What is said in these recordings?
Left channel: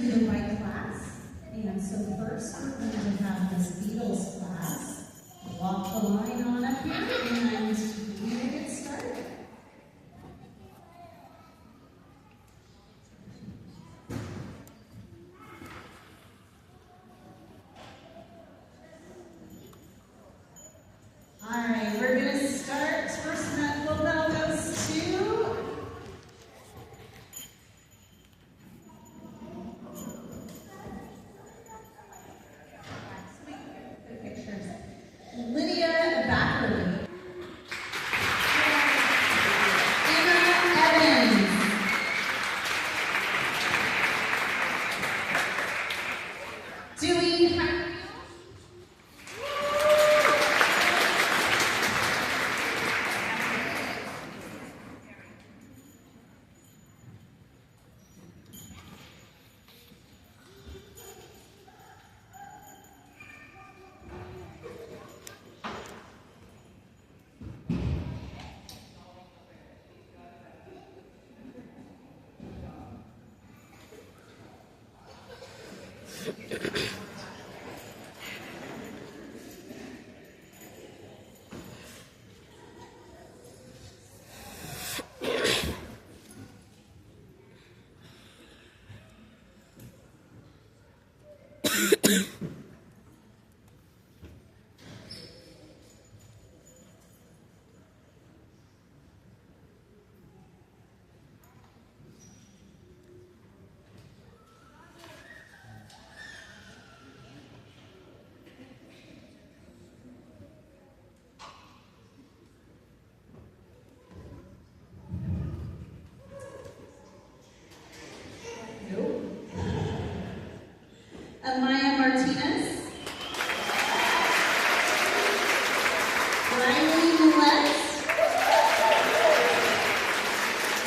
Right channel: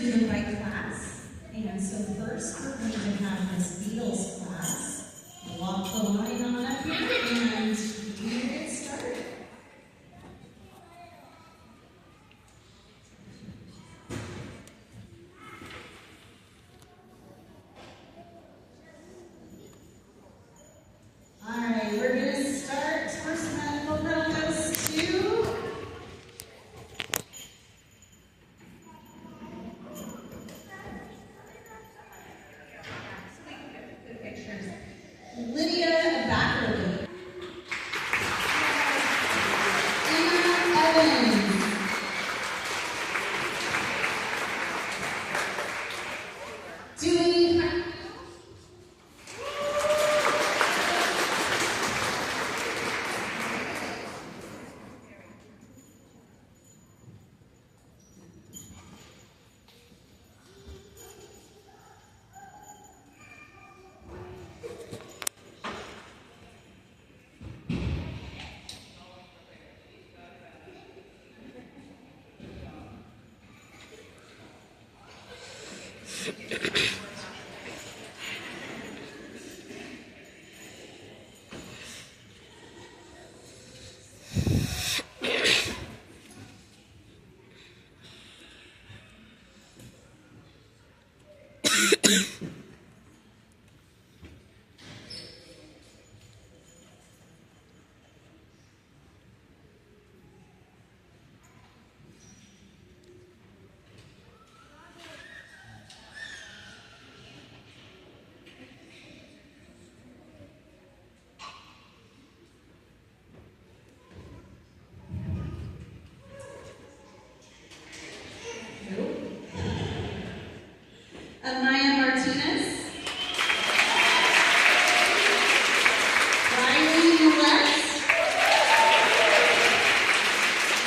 do the right class. And so first we're going to have Miss Beadle's class walk the line on up here, and we're going to get started. All right, we're going to start. First medal goes to Lydia Backerly. Anna Evans. Dewey Hunt. Amaya Martinez. Riley Millett.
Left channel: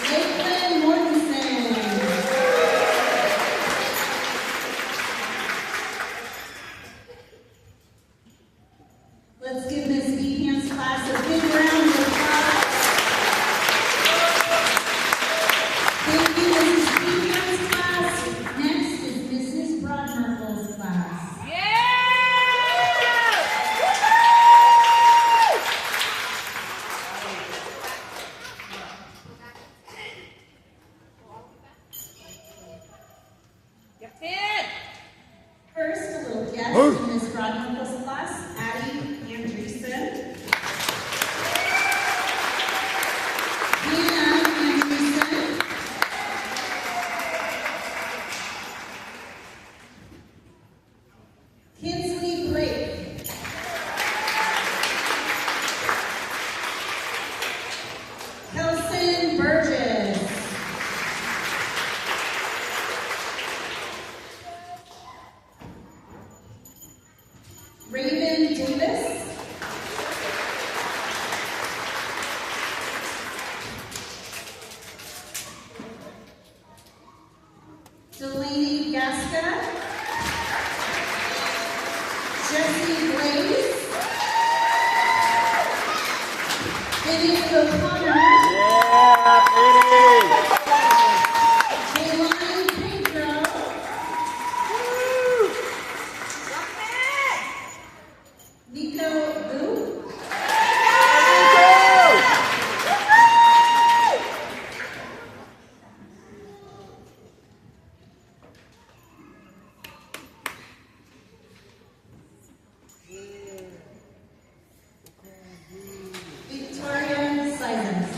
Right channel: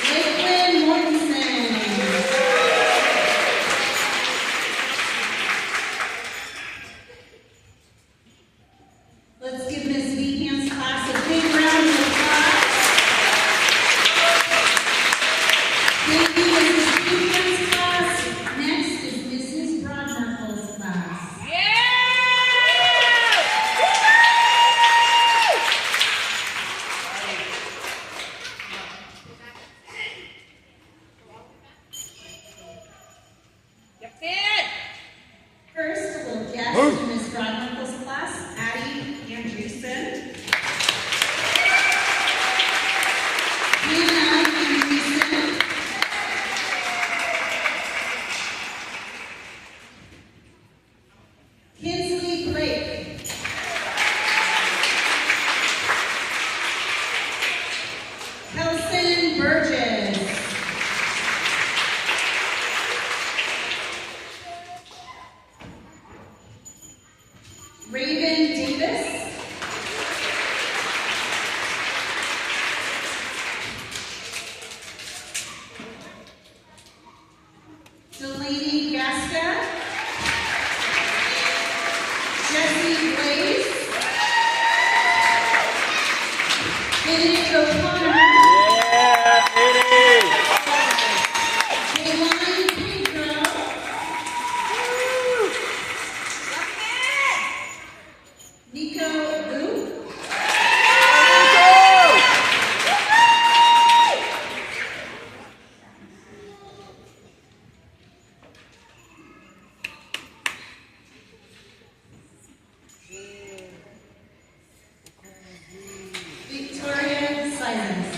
Lakeland Mortensen. Let's give Ms. Behan's class a big round of applause. Thank you, Mrs. Behan's class. Next is Mrs. Broadmerkel's class. First, a little guest in Ms. Broadmerkel's class, Addie Andreessen. Hannah Andreessen. Kinsley Blake. Kelson Burgess. Raven Davis. Delaney Gasca. Jesse Blaze. Vinny O'Connor. Yeah, Vinny! Kaylani Pedro. Nico Wu. Victoria Simons.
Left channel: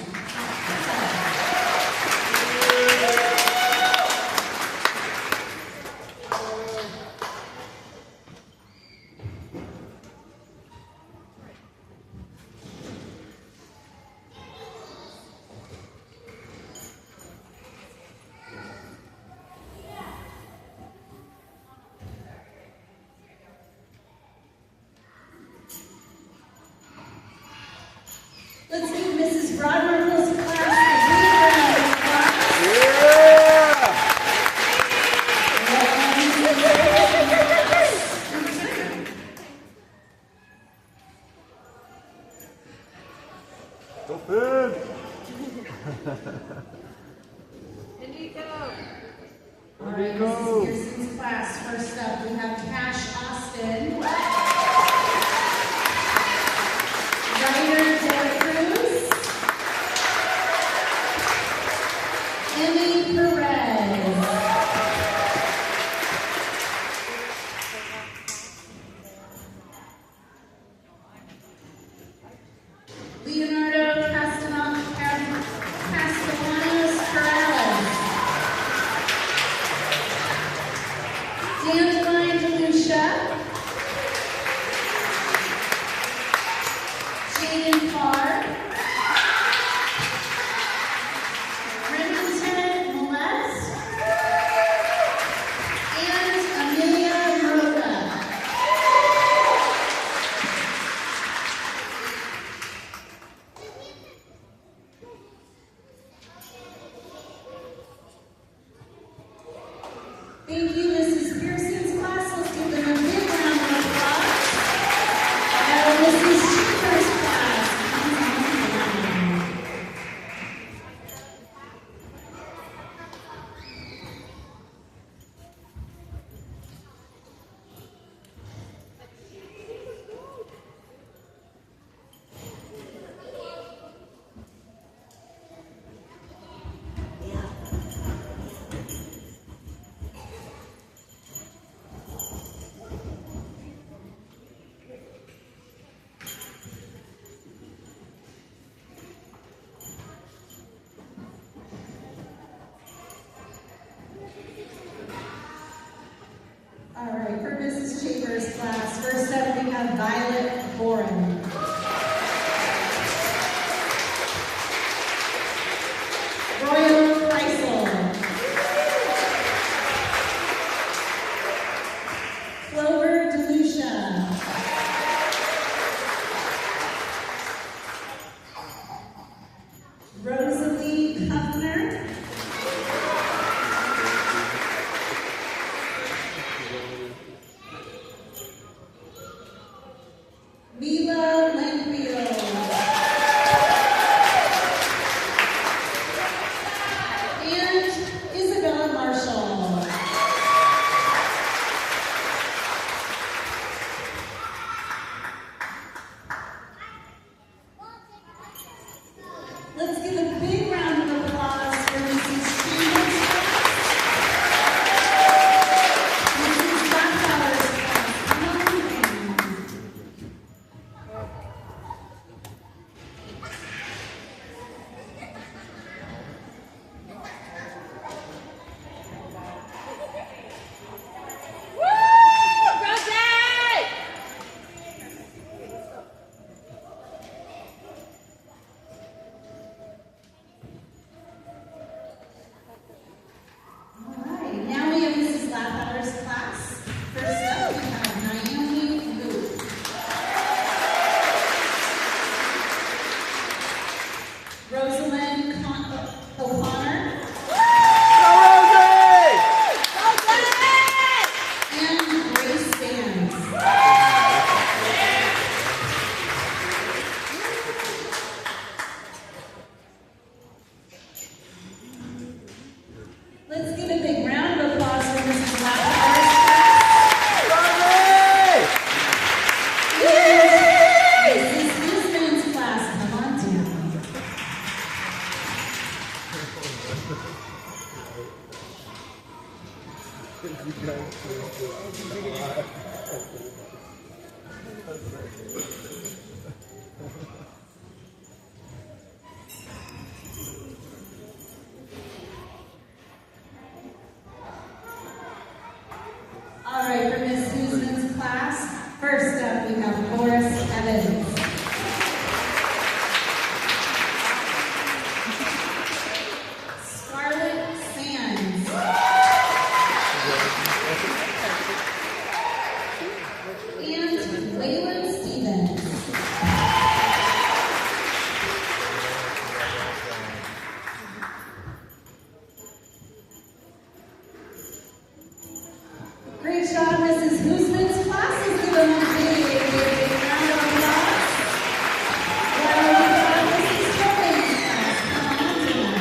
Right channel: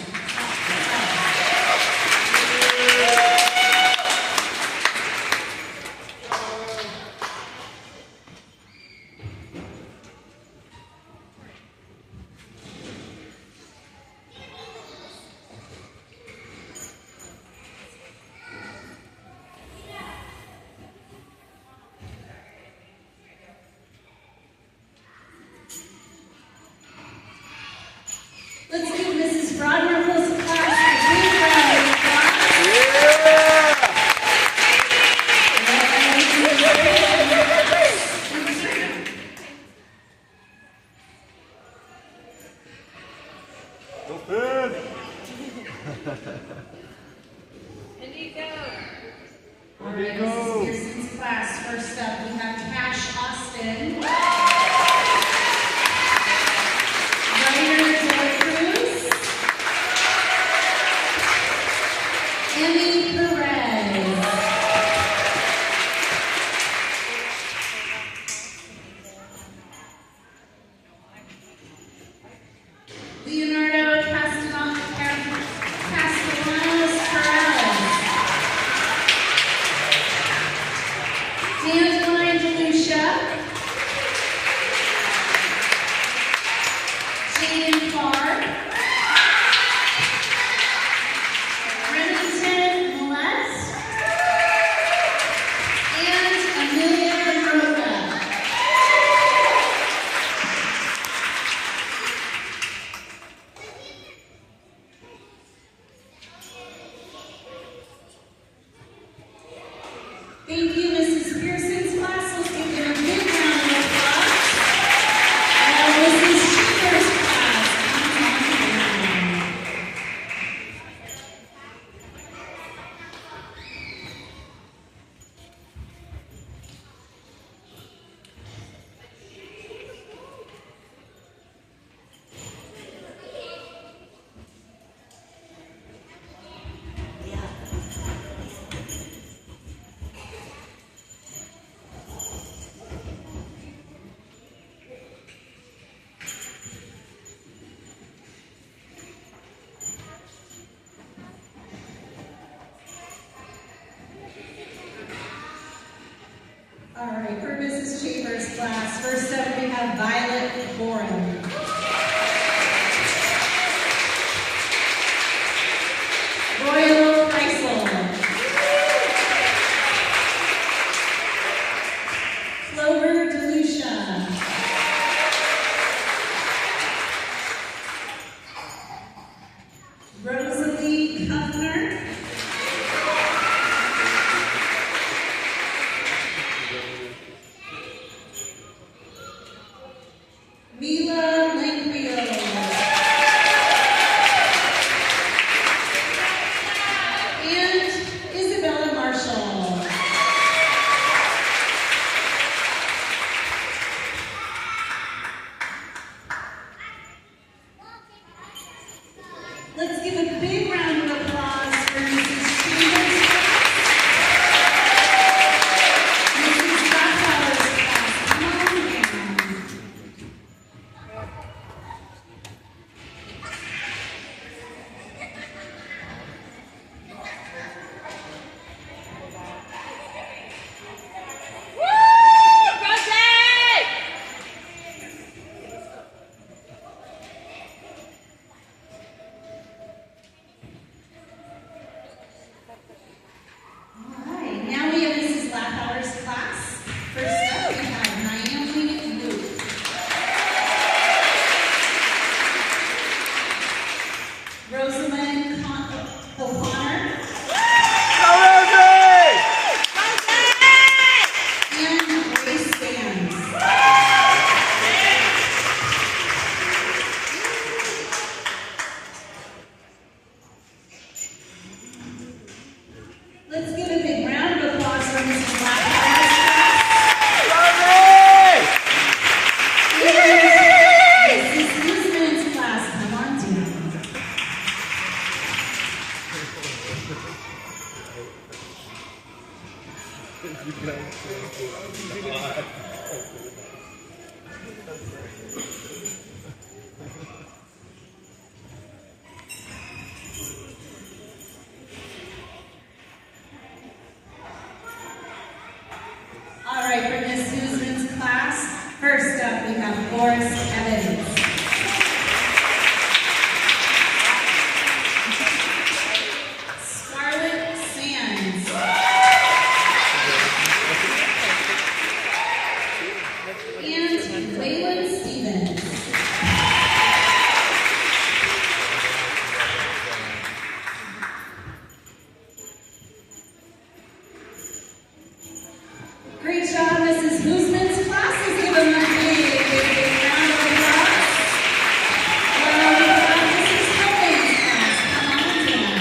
Students class. First up, we have Cash Austin, Ryder Del Cruz, Emmy Perez, Leonardo Castellanos Perez, Dandelion DeLucia, Jaden Clark, Remington Molest, and Amelia Roca. Thank you, Mrs. Pearson's class. Let's give them a big round of applause. Now, Mrs. Cheever's class. All right, for Mrs. Chambers' class, first up we have Violet Boren. Royal Kreisel. Clover DeLucia. Rosalie Kuffner. Mila Langfield. And Isabella Marshall. Let's give a big round of applause for Mrs. Chambers' Mrs. Bachauer's class. Come on in. All right, now we have Mrs. Laphauer's class. First up, we have Naomi Luke. Rosalind O'Connor. And Grace Sands. Let's give a big round of applause for Mrs. Laphauer's class. And Mrs. Huseman's class. Come on down. All right, for Miss Susan's class, first up we have Forrest Evans. Scarlett Sands. And Layla Stevens. Great job, Mrs. Huseman's class. Let's give them a big round of applause. While we have Mrs. Tobin's class. Come on down.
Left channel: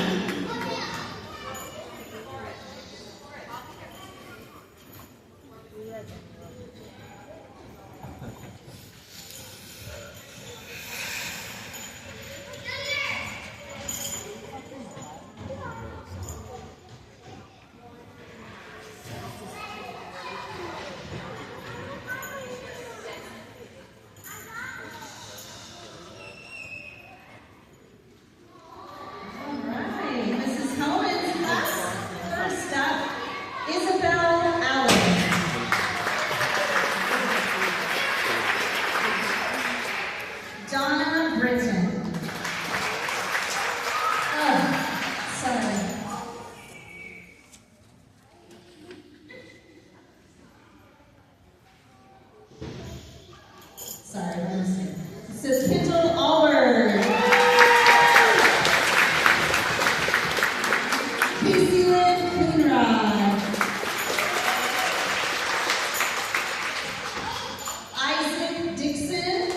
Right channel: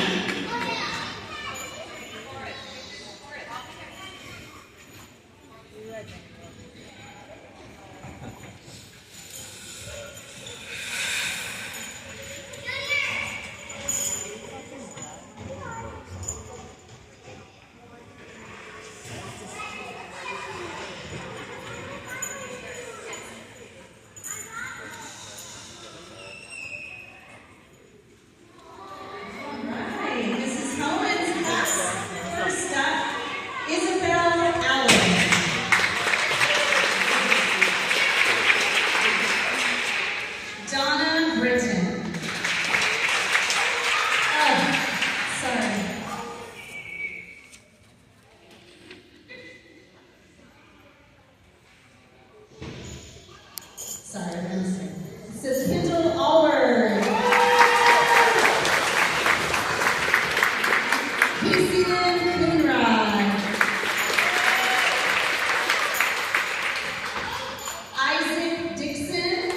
Caleb Allard. Casey Lynn Coonrod. Isaac Dixon.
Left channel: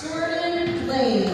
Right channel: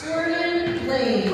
Jordan Blade.